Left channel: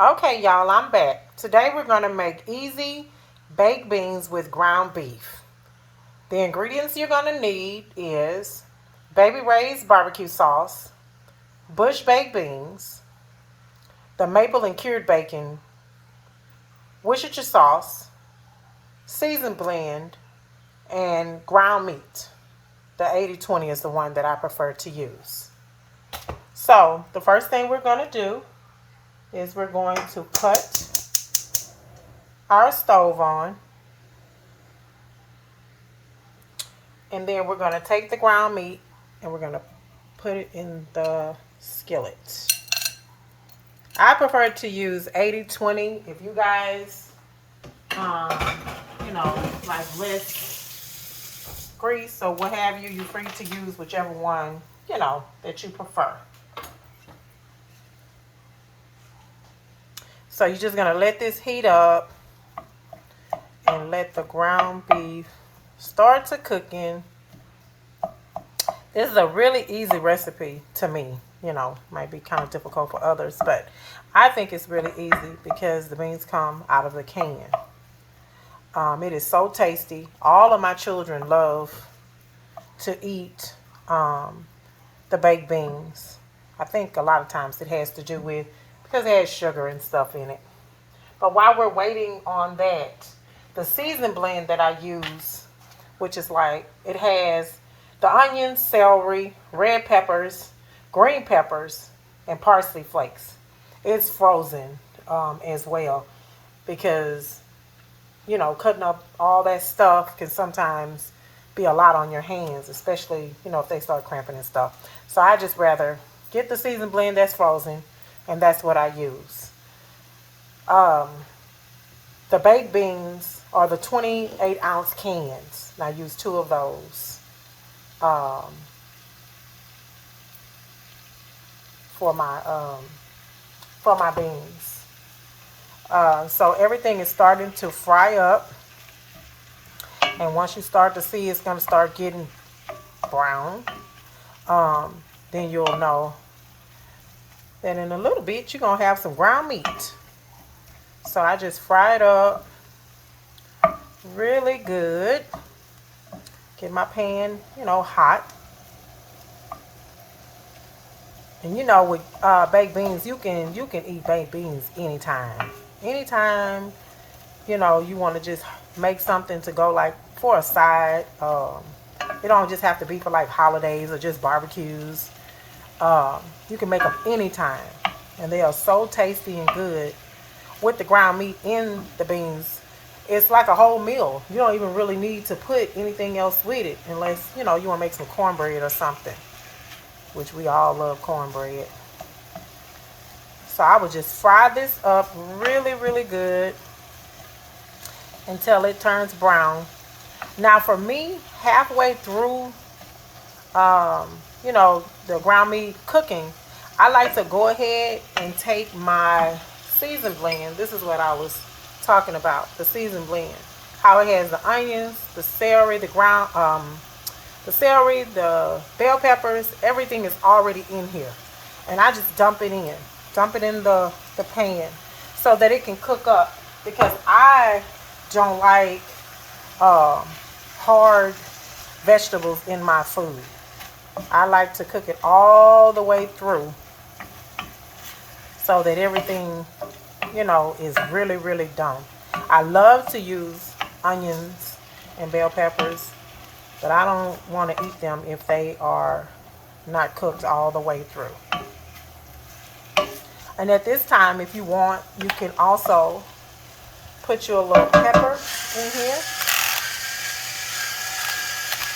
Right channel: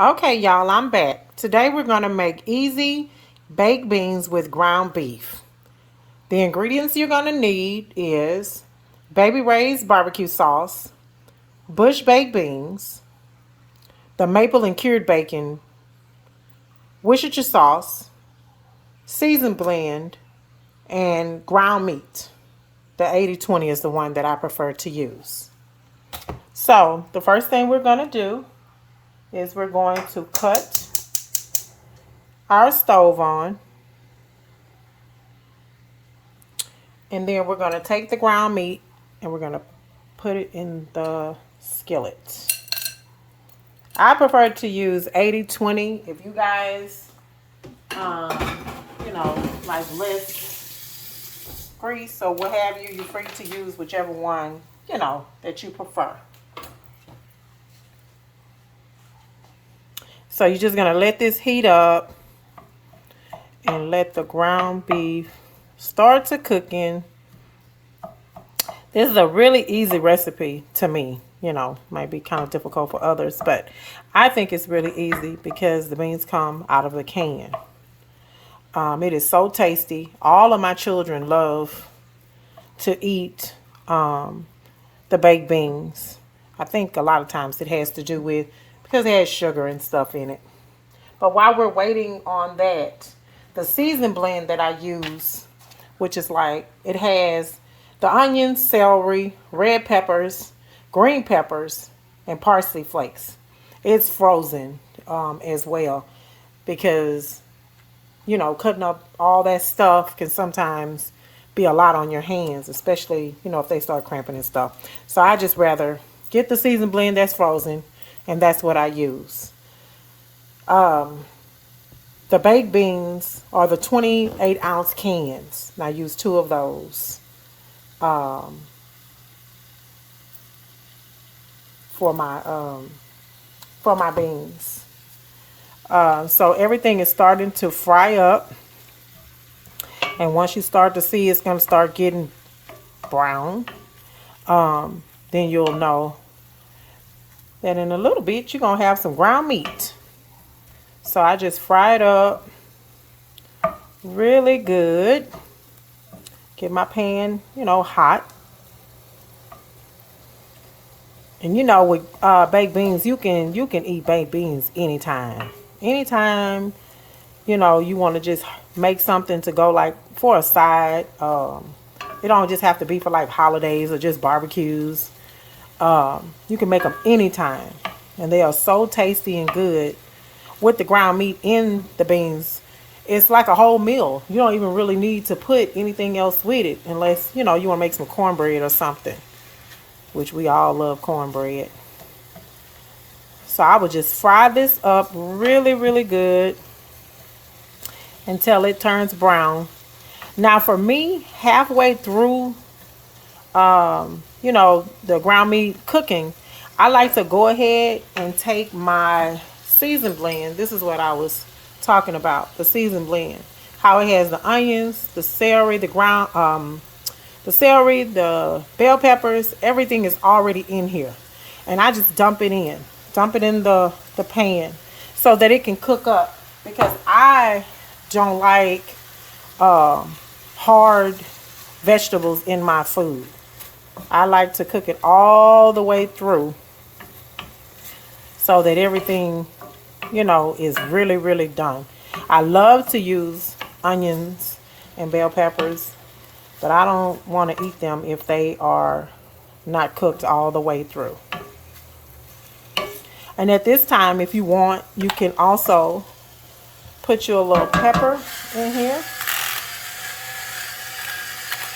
Okay, y'all, I'm back. Today we're going to make easy baked beans with ground beef. The ingredients you're going to need is baby raised barbecue sauce, bush baked beans, the maple and cured bacon, Worcestershire sauce, seasoned blend, and ground meat. The 80/20 is the one that I prefer to use. So the first thing we're going to do is we're going to cut our stove on. And then we're going to take the ground meat and we're going to put it in the skillet. I prefer to use 80/20. If you guys, um, like less grease or what have you, you're free to use whichever one, that you prefer. So you're just going to let this heat up and let the ground beef start to cooking. This is a really easy recipe to me. Might be kind of difficult for others, but I think it's really easy because the beans come out of a can. It is so tasty. All of my children love to eat the baked beans. I think a lot of times it has to do with because it has sugar and stuff in it. But while we're waiting on that, the season blend that I use, which is like, it has the onions, celery, red peppers, green peppers, and parsley flakes. It's frozen as well because, cutting up all that stuff can sometimes be a lot on your hands, especially, if they start cramping and stuff. So I just rather get the season blend that's frozen, and that's what I use. The baked beans are the 28-ounce cans. And I use 2 of those for my beans. So everything is starting to fry up, and once you start to see it's going to start getting brown, then you'll know that in a little bit you're going to have some ground meat. So I just fry it up really good. Get my pan, hot. And with baked beans, you can eat baked beans anytime. Anytime, you want to just make something to go like for a side. It don't just have to be for like holidays or just barbecues. You can make them anytime. And they are so tasty and good. With the ground meat in the beans, it's like a whole meal. You don't even really need to put anything else with it unless, you want to make some cornbread or something, which we all love cornbread. So I would just fry this up really, really good until it turns brown. Now for me, halfway through, the ground meat cooking, I like to go ahead and take my season blend. This is what I was talking about, the season blend. How it has the onions, the celery, the bell peppers, everything is already in here. And I just dump it in. Dump it in the pan so that it can cook up. Because I don't like hard vegetables in my food. I like to cook it all the way through so that everything, is really, really done. I love to use onions and bell peppers, but I don't want to eat them if they are not cooked all the way through. And at this time, if you want, you can also put your little pepper in here.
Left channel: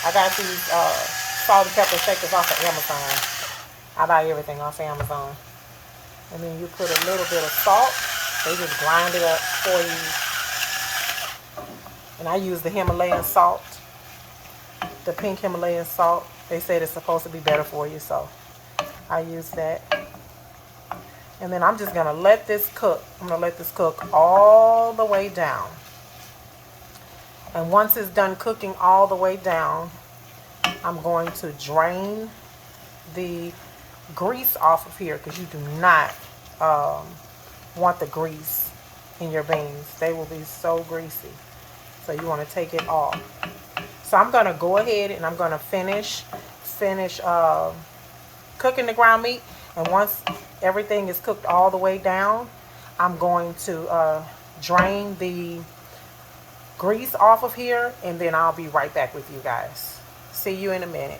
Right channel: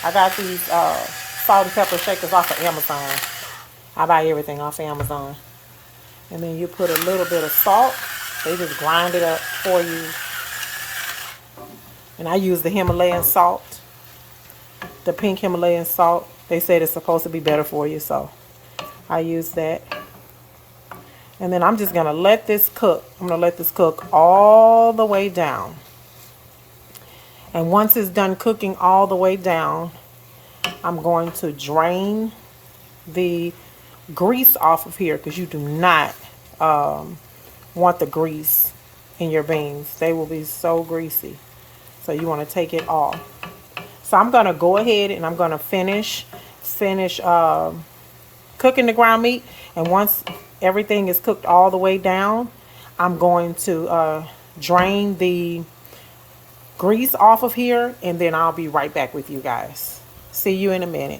I got these salt and pepper shakers off of Amazon. I buy everything off of Amazon. And then you put a little bit of salt. They just grind it up for you. And I use the Himalayan salt. The pink Himalayan salt. They said it's supposed to be better for you, so I use that. And then I'm just going to let this cook. I'm going to let this cook all the way down. And once it's done cooking all the way down, I'm going to drain the grease off of here because you do not want the grease in your beans. They will be so greasy. So you want to take it off. So I'm going to go ahead and I'm going to finish cooking the ground meat. And once everything is cooked all the way down, I'm going to drain the grease off of here, and then I'll be right back with you guys. See you in a minute.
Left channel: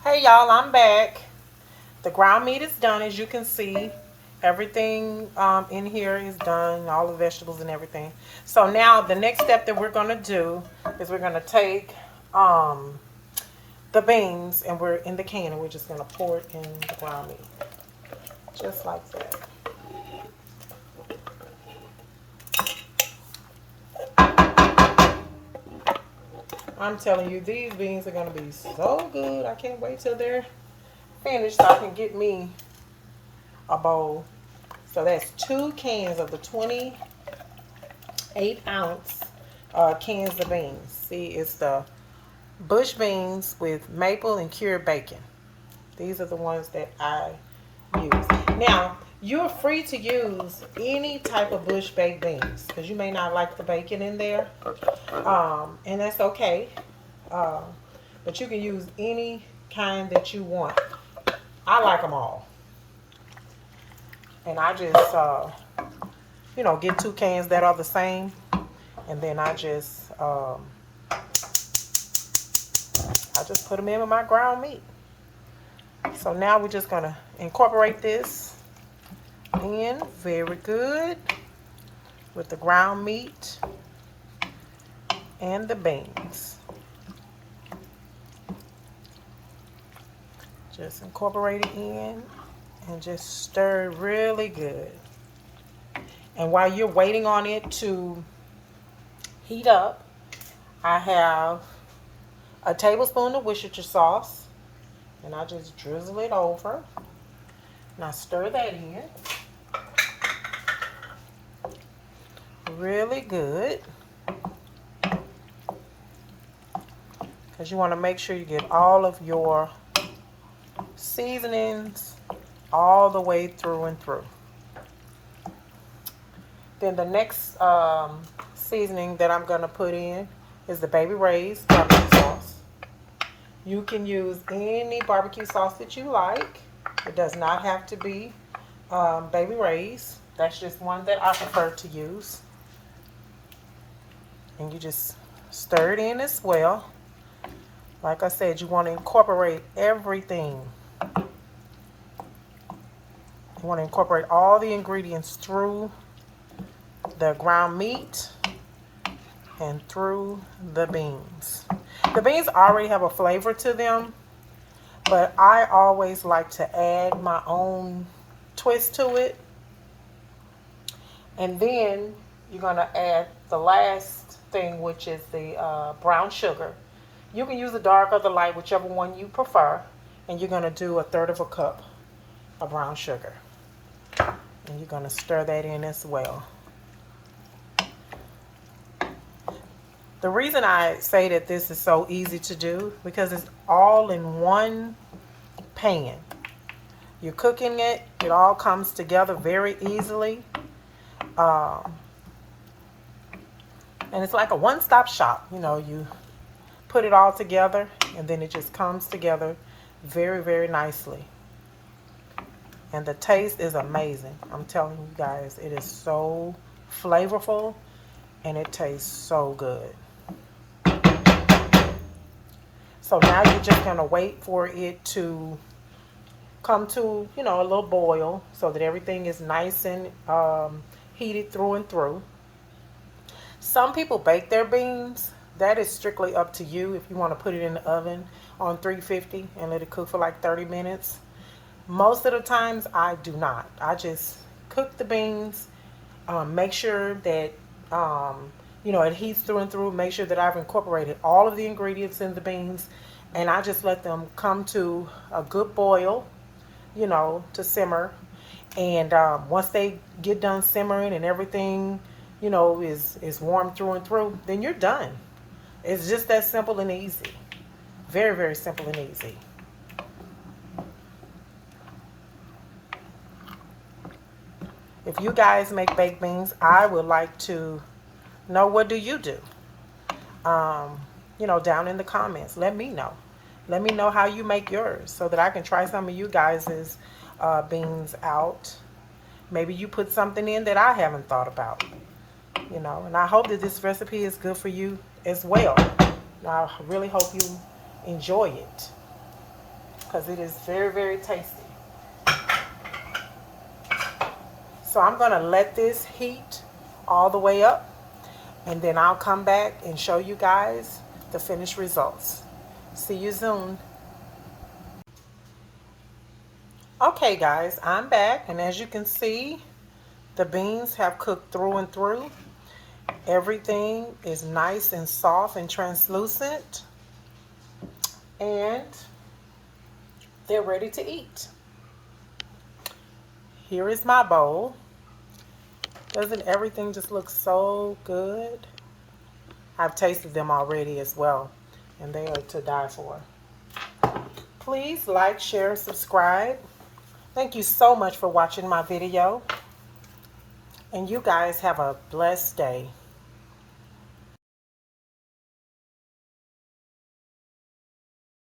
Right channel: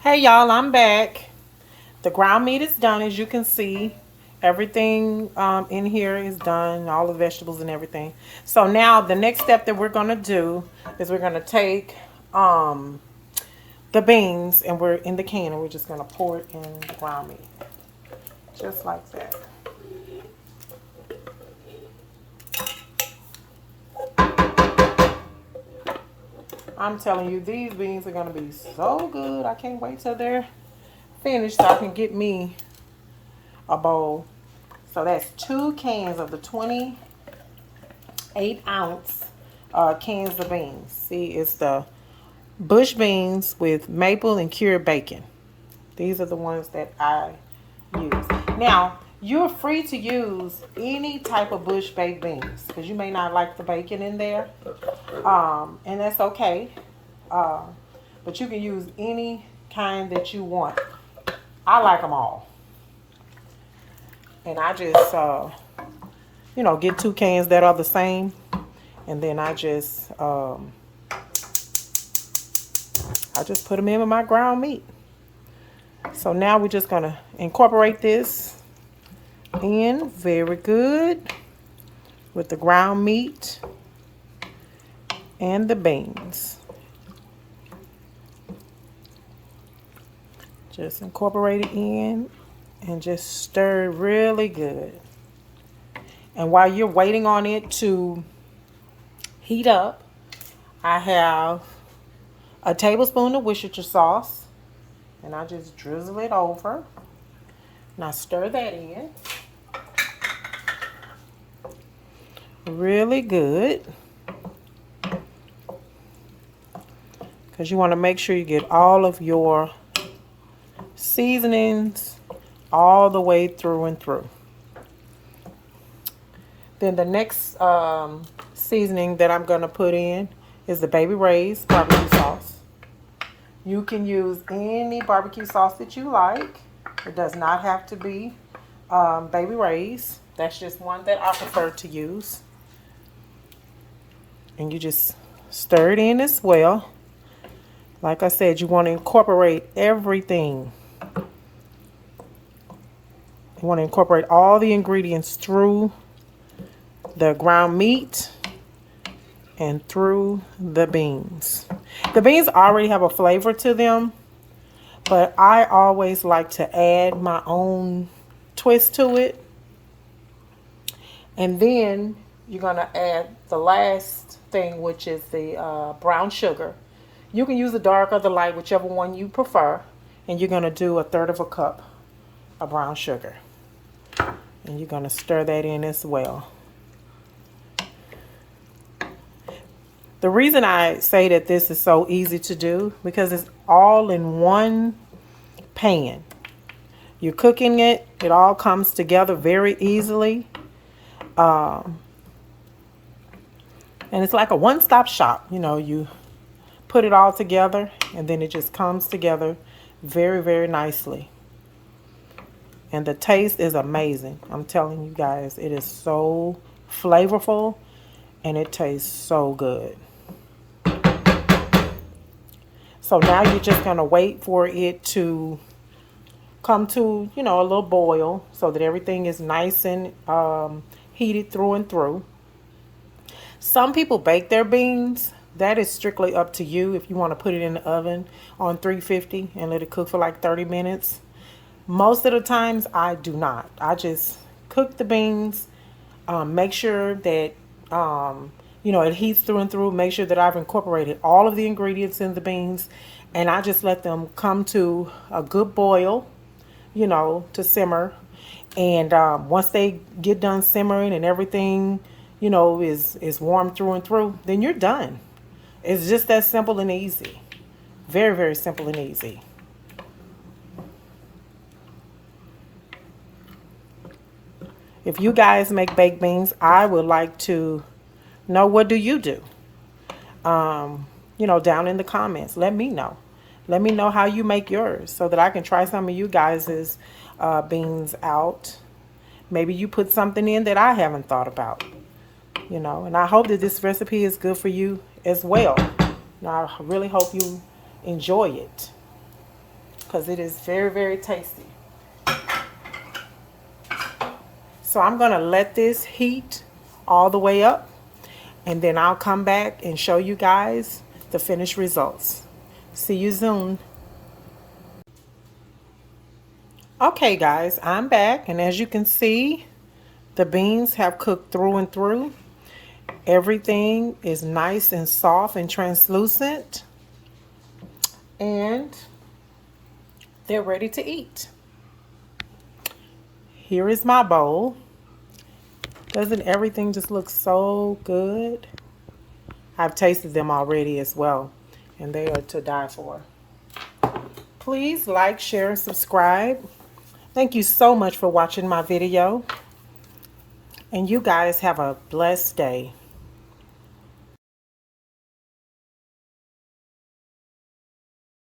Hey y'all, I'm back. The ground meat is done, as you can see. Everything in here is done, all the vegetables and everything. So now the next step that we're going to do is we're going to take the beans, and we're in the can, and we're just going to pour it in the ground meat. Just like that. I'm telling you, these beans are going to be so good. I can't wait till they're finished so I can get me a bowl. So that's 2 cans of the 28-ounce cans of beans. See, it's the bush beans with maple and cured bacon. These are the ones that I use. Now, you're free to use any type of bush baked beans because you may not like the bacon in there. And that's okay. But you can use any kind that you want. I like them all. And I just, get 2 cans that are the same. And then I just put them in with my ground meat. So now we're just going to incorporate this in very good with the ground meat and the beans. Just incorporate it in and just stir it really good. And while you're waiting on it to heat up, I have a tablespoon of Worcestershire sauce, and I just drizzle it over. And I stir that in really good, because you want to make sure you get all of your seasonings all the way through and through. Then the next seasoning that I'm going to put in is the Baby Ray's barbecue sauce. You can use any barbecue sauce that you like. It does not have to be Baby Ray's. That's just one that I prefer to use. And you just stir it in as well. Like I said, you want to incorporate everything. You want to incorporate all the ingredients through the ground meat and through the beans. The beans already have a flavor to them, but I always like to add my own twist to it. And then you're going to add the last thing, which is the brown sugar. You can use the dark or the light, whichever one you prefer. And you're going to do 1/3 cup of brown sugar. And you're going to stir that in as well. The reason I say that this is so easy to do, because it's all in one pan. You're cooking it, it all comes together very easily. And it's like a one-stop shop. You put it all together, and then it just comes together very, very nicely. And the taste is amazing. I'm telling you guys, it is so flavorful, and it tastes so good. So now you're just going to wait for it to come to, a little boil so that everything is nice and heated through and through. Some people bake their beans. That is strictly up to you if you want to put it in the oven on 350 and let it cook for like 30 minutes. Most of the times I do not. I just cook the beans, make sure that it heats through and through. Make sure that I've incorporated all of the ingredients in the beans, and I just let them come to a good boil, to simmer. And once they get done simmering and everything, is warm through and through, then you're done. It's just that simple and easy. Very, very simple and easy. If you guys make baked beans, I would like to know, what do you do? You know, down in the comments. Let me know. Let me know how you make yours so that I can try some of you guys' beans out. Maybe you put something in that I haven't thought about. You know, and I hope that this recipe is good for you as well. And I really hope you enjoy it because it is very, very tasty. So I'm going to let this heat all the way up, and then I'll come back and show you guys the finished results. See you soon. Okay guys, I'm back, and as you can see, the beans have cooked through and through. Everything is nice and soft and translucent, and they're ready to eat. Here is my bowl. Doesn't everything just look so good? I've tasted them already as well, and they are to die for. Please like, share, and subscribe. Thank you so much for watching my video, and you guys have a blessed day.